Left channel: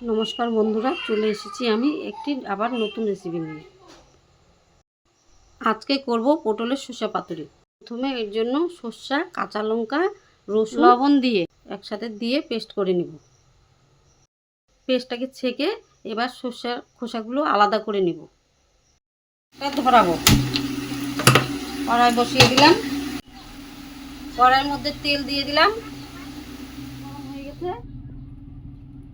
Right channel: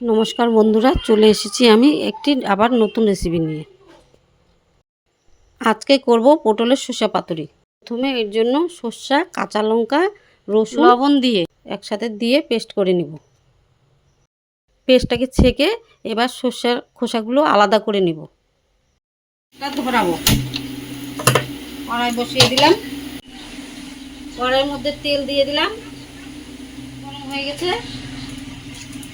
নমস্কার বন্ধুরা চলে এসেছি আমি একটি আবার নতুন রেসিপি নিয়ে। আজকে করব পটলের শসা পাতুরি। প্রথমে এর জন্য সর্ষা কাঁচা লঙ্কা রসুন লবণ দিয়ে। একসাথে দিয়ে পেস্ট করে নিব। পেস্টটাকে ছেঁকে এবার সর্ষার খোসাগুলো আলাদা করে নিব। ধরাবো। কড়াই বসিয়ে দিলাম। কড়াইয়ের মধ্যে তেল দিয়ে দিলাম। গরম হয়ে গেছে।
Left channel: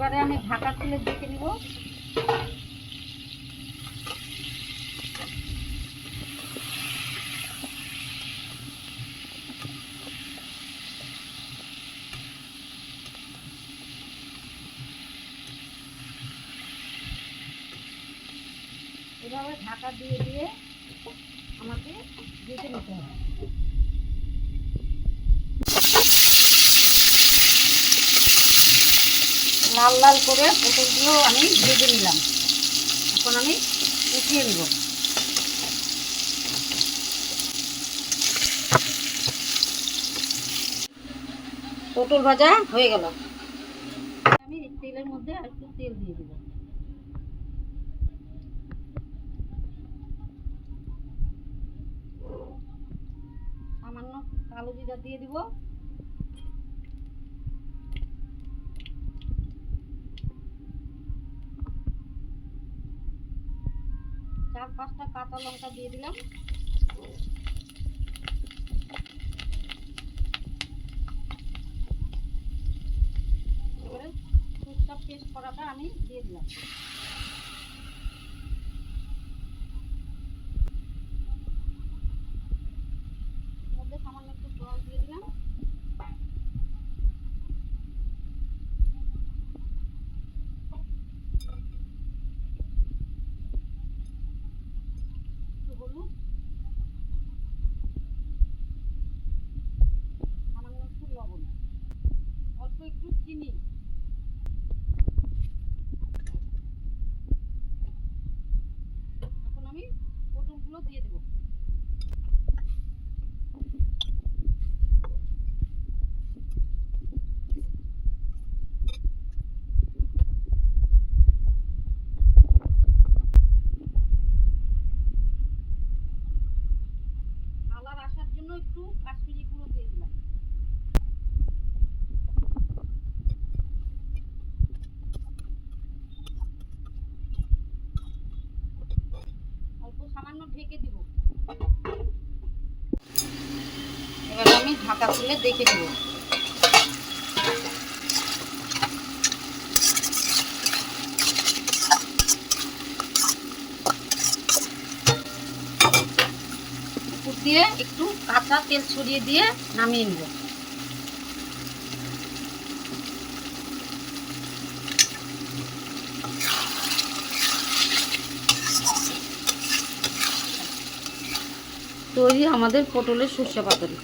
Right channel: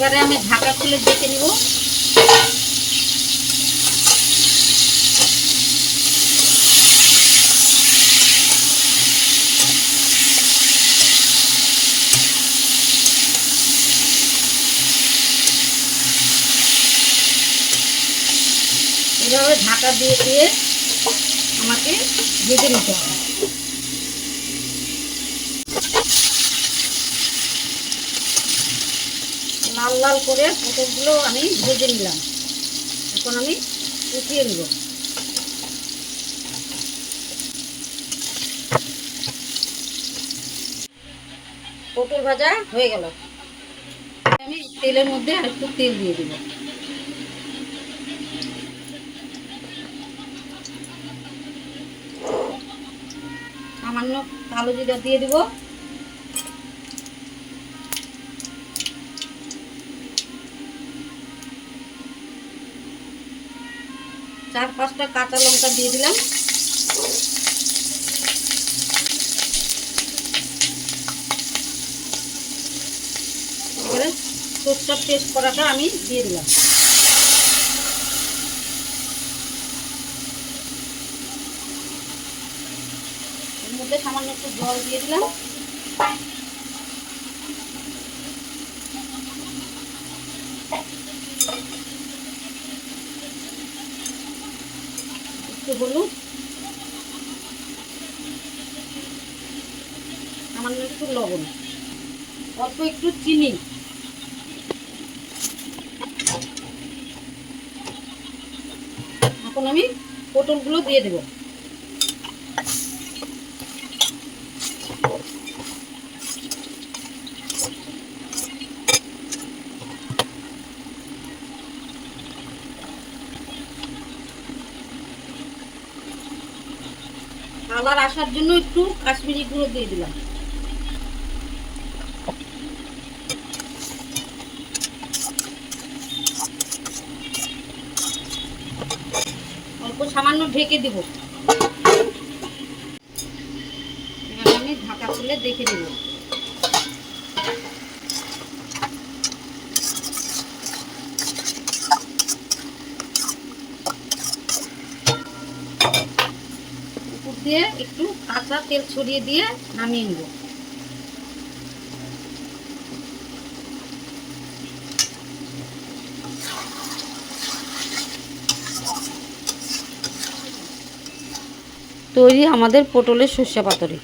এবারে আমি ঢাকা খুলে দেখে নিব। এভাবে ঢাকা দিয়ে দিয়ে আমাকে ভেজে নিতে হবে। লাল লাল করে পটলগুলো আমি ভেজে নিলাম। এখন আমি উঠিয়ে নেব। পটল ভাজা হয়ে গেল। আমি তেলের মধ্যে আর একটু তেল দিয়ে দেব। সামান্য কালো জিরা দিয়ে দেবো। চার পাঁচটা কাঁচা লঙ্কা দিয়ে দিলাম। এবারে সরষার পেস্ট করাটা আমি দিয়ে দিলাম। এর মধ্যে সামান্য একটু জল দিয়ে দিলাম। একটু হলুদ। সামান্য একটু লবণ। অল্প একটু চিনি। এখন আমি পটলগুলো দিয়ে দেব। কালার আসার জন্য একটু কাশ্মীরি গুঁড়ো দিয়ে দিলাম। অল্প সামান্য ঢেকে দেব। এবার আমি ঢাকা খুলে দেখে দেব দিয়ে একটু কাঁচা তেল ছড়িয়ে দিয়ে নামিয়ে নেব। তৈরি আমাদের পটলের সর্ষে পাতুরি।